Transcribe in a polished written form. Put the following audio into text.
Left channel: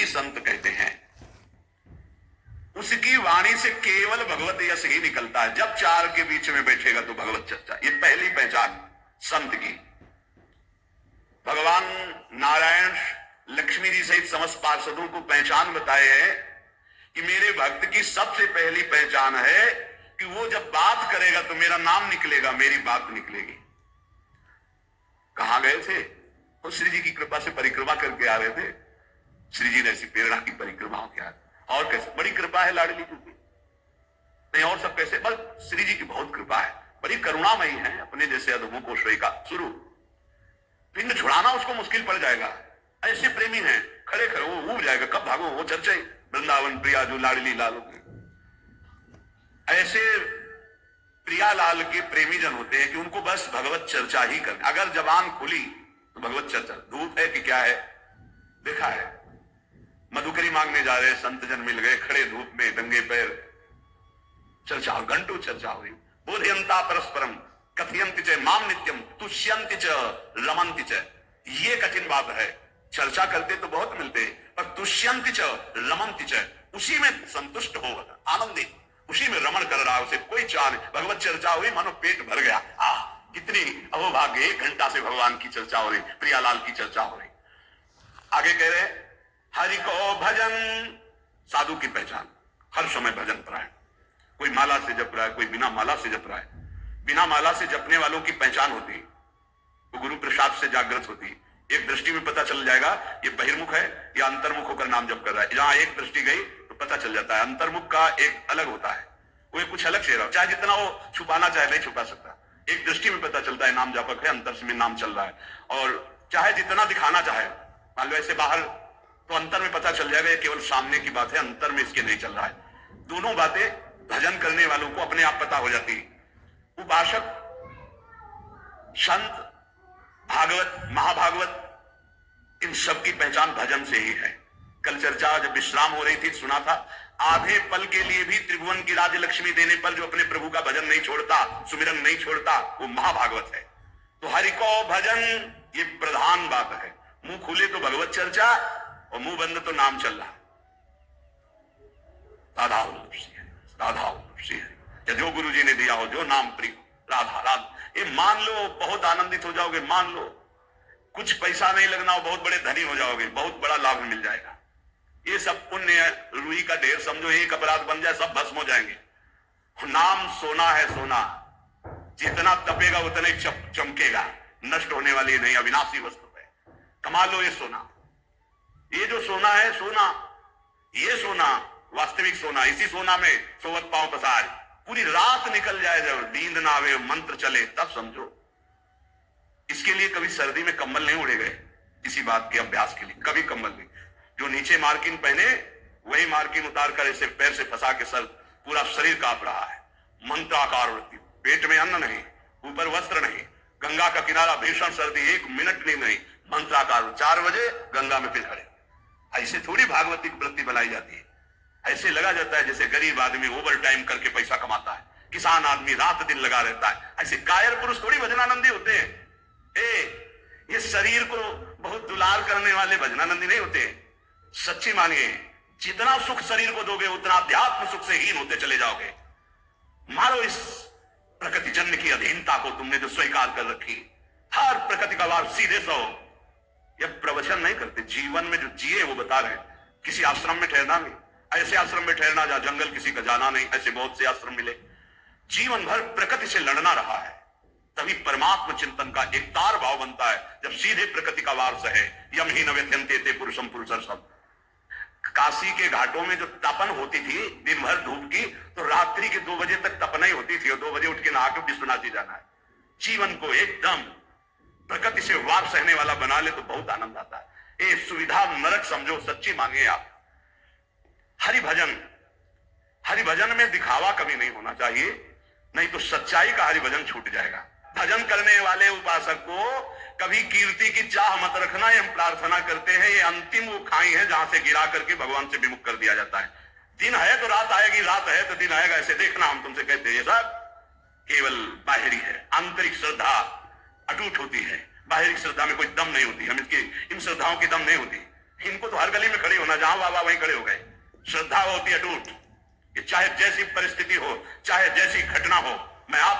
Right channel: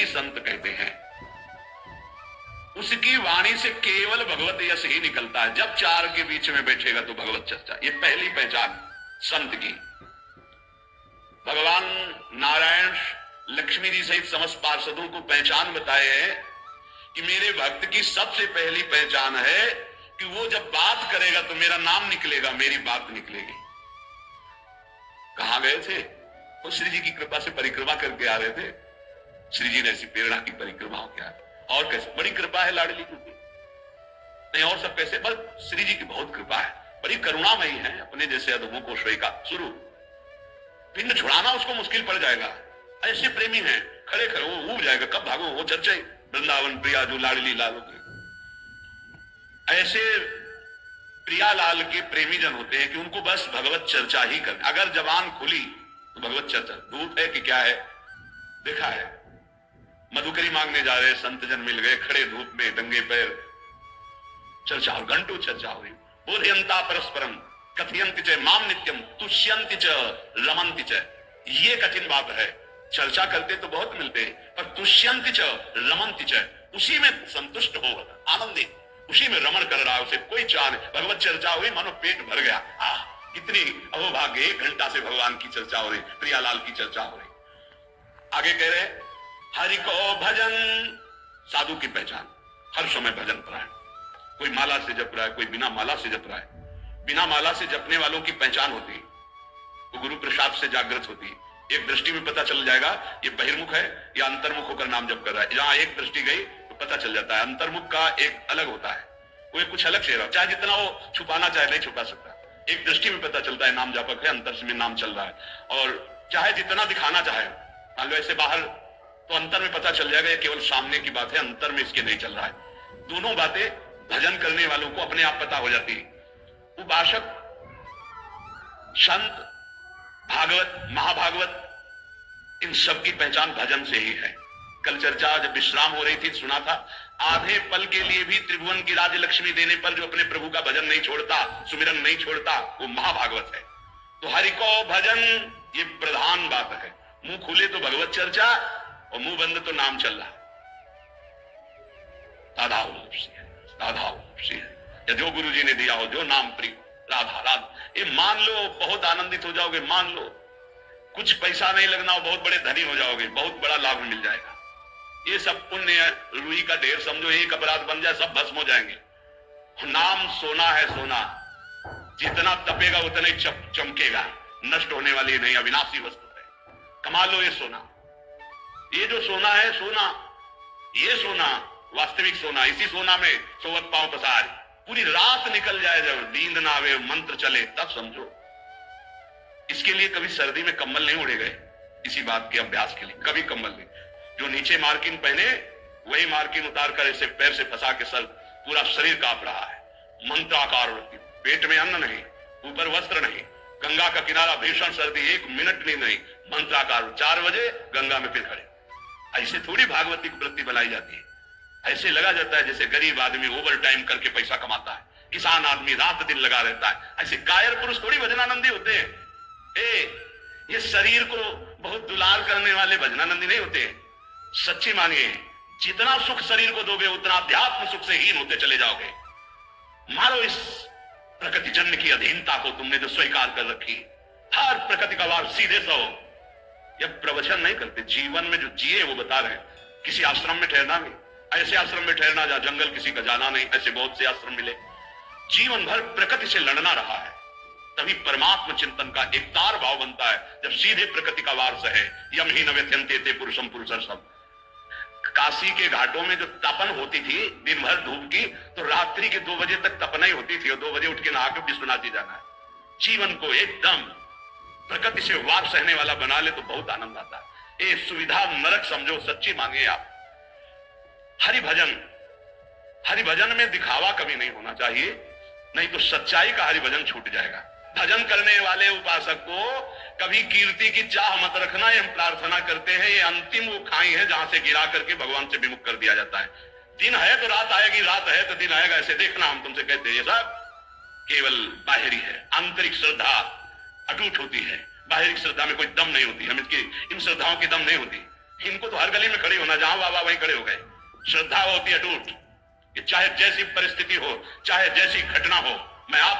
ही संत कहते हैं। उसकी वाणी से केवल भगवत यश ही निकलता है। जब चार के बीच में बैठेगा तो भगवत चर्चा। ये पहली पहचान संत की। भगवान नारायण लक्ष्मी जी सहित समस्त पार्षदों को पहचान बताए हैं कि मेरे भक्त की सबसे पहली पहचान है कि वो जब बात करेगा तो मेरा नाम निकलेगा, मेरी बात निकलेगी। कहां गए थे? तो श्री जी की कृपा से परिक्रमा करके आ रहे थे। श्री जी ने ऐसी प्रेरणा की परिक्रमा हो गया। और कैसे बड़ी कृपा है लाडली की, नहीं और सब कैसे, बस श्री जी की बहुत कृपा है, बड़ी करुणामयी है। अपने जैसे अधमों को श्रेय का शुरू पिंड छुड़ाना उसको मुश्किल पड़ जाएगा। ऐसे प्रेमी हैं, खड़े खड़े वो उब जाएगा, कब भागो, वो चर्चा वृंदावन प्रिया जो लाडली लालो की। ऐसे प्रियालाल के प्रेमी जन होते हैं कि उनको बस भगवत चर्चा ही करनी। अगर जबान खुली तो भगवत चर्चा। धूप है कि क्या है देखा है। मधुकरी मांगने जा रहे संत जन मिल गए, खड़े धूप में नंगे पैर, चर्चा और घंटों चर्चा हो रही। बोधयंता परस्परम कथयंति च माम नित्यम तुष्यंति च रमन्ति च। ये कठिन बात है। चर्चा करते तो बहुत मिलते हैं, पर तुष्यंति च रमन्ति च, उसी में संतुष्ट हो, आनंदित, उसी में रमण कर रहा है, उसे कोई चाह नहीं। भगवत चर्चा हुई मानो पेट भर गया। कितनी अहोभाग्य, 1 घंटा से भगवान की चर्चा हो रही, प्रियालाल की चर्चा हो रही। आगे कह रहे हरि को भजन। साधु की पहचान हर समय भजन परायण। कोई माला से जप रहा है, कोई बिना माला से जप रहा है। बिना माला से जपने वालों की पहचान होती है, वो गुरु प्रसाद से जागृत होती है। एक दृष्टि में पता चल जाएगा ये बहिर्मुख है या अंतर्मुख होकर नाम जप कर रहा है। जहां एक दृष्टि गई तो पता चल जाता है। अंतर्मुख का एक अलग होता है, वो कुछ अलग से रहा, चाहे जितना वो छुपाना चाहे नहीं छुपा सकता। एक दृष्टि में पता चलता है नाम जापक है, अंतर से में नाम चल रहा है। और चाहे जितना दिखाना चाहे, मान लो ऐसे बाहर, तो अंतर में पता चल जाएगा ये केवल सामने की बात है, अंतर में इसके नहीं चल रहा है। दोनों बातें भजन करने वालों को अपने आप पता हो जाती है। उपासक, संत, भागवत, महाभागवत, इन सब की पहचान भजन से ही है। कल चर्चा जब विश्राम हो रही थी सुना था, आधे पल के लिए भी त्रिभुवन की राजलक्ष्मी देने पर जो अपने प्रभु का भजन नहीं छोड़ता, सुमिरन नहीं छोड़ता, वो महाभागवत है। तो हरि को भजन ये प्रधान बात है। मुंह खुले तो भगवत चर्चा और मुंह बंद तो नाम चल रहा है। राधा या जो गुरु जी ने दिया हो, जो नाम प्रिय, राधा राधा, ये मान लो, बहुत आनंदित हो जाओगे। मान लो कुछ पैसा नहीं लगना हो, बहुत बड़े धनी हो जाओगे, बहुत बड़ा लाभ मिल जाएगा। ये सब पुण्य रुई का ढेर समझो, एक अपराध बन जाए सब भस्म हो जाएंगे। नाम सोना है, सोना जितना तपेगा उतना ही चमकेगा, नष्ट होने वाली नहीं, अविनाशी वस्तु है। कमा लो ये सोना। ये जो सोना है, सोना, ये सोना वास्तविक सोना, इसी सोना में सोवत पांव पसार। पूरी रात निकल जाए, जब नींद ना आवे, मंत्र चले, तब समझो। इसके लिए कभी सर्दी में कंबल नहीं उड़े गए, इसी बात के अभ्यास के लिए कभी कंबल नहीं। जो नीचे मार्किन पहने वही मार्किन उतार कर ऐसे पैर से फंसा के सर पूरा शरीर कांप रहा है। मंत्राकार वृत्ति, पेट में अन्न नहीं, ऊपर वस्त्र नहीं, गंगा का किनारा, भीषण सर्दी, 1 मिनट नहीं, मंत्राकार। 4 बजे गंगा में फिर खड़े। ऐसे थोड़ी भागवती की वृत्ति बनाई जाती है। ऐसे लगा जाता है जैसे गरीब आदमी ओवर टाइम करके पैसा कमाता है, किसान आदमी रात दिन लगा रहता है। ऐसे कायर पुरुष थोड़ी भजनानंदी होते हैं। ये शरीर को बहुत दुलार करने वाले भजनानंदी नहीं होते। सच्ची मानिए, जितना सुख शरीर को दोगे उतना अध्यात्म सुख से हीन होते चले जाओगे। मारो इस प्रकृति जन्य की अधीनता को तुमने जो स्वीकार कर रखी। हर प्रकृति का वार सीधे सो। यह प्रवचन नहीं करते, जीवन में जो जिए वो बता रहे हैं। किसी आश्रम में ठहरना नहीं, ऐसे आश्रम में ठहरना जहां जंगल किसी का जाना नहीं, ऐसे बहुत से आश्रम मिले। जीवन भर प्रकृति से लड़ना रहा है, तभी परमात्मा चिंतन का एक तार भाव बनता है। जब सीधे प्रकृति का वार सहे, यम ही न व्यथयन्ते ते पुरुषम पुरुषर्षभ। काशी के घाटों में जो तपन होती थी दिन भर धूप की, तो रात्रि के 2 बजे तक तपना ही होती थी, और 2 बजे उठ के नहा के विश्वनाथ जी जाना है। जीवन को एकदम प्रकृति से वार सहने वाला बना ले तो बहुत आनंद आता है। ये सुविधा नरक समझो, सच्ची मांगे आप। हरि भजन में दिखावा कभी नहीं होना चाहिए, नहीं तो सच्चाई का हरि भजन छूट जाएगा। भजन करने वाले उपासक को कभी कीर्ति की चाह मत रखना। हम प्रार्थना करते हैं, ये अंतिम वो खाई है जहां से गिरा करके भगवान से विमुख कर दिया जाता है। दिन है तो रात आएगी, रात है तो दिन आएगा, ऐसे देखना। हम तुमसे कहते हैं ये सब केवल बाहरी है। आंतरिक श्रद्धा अटूट होती है, बाहरी श्रद्धा में कोई दम नहीं होती। हम इसकी इन श्रद्धाओं की दम नहीं होती। इनको तो हर गली में खड़े होना, जहां बाबा वहीं खड़े हो गए। श्रद्धा होती है अटूट कि चाहे जैसी परिस्थिति हो, चाहे जैसी घटना हो, मैं आप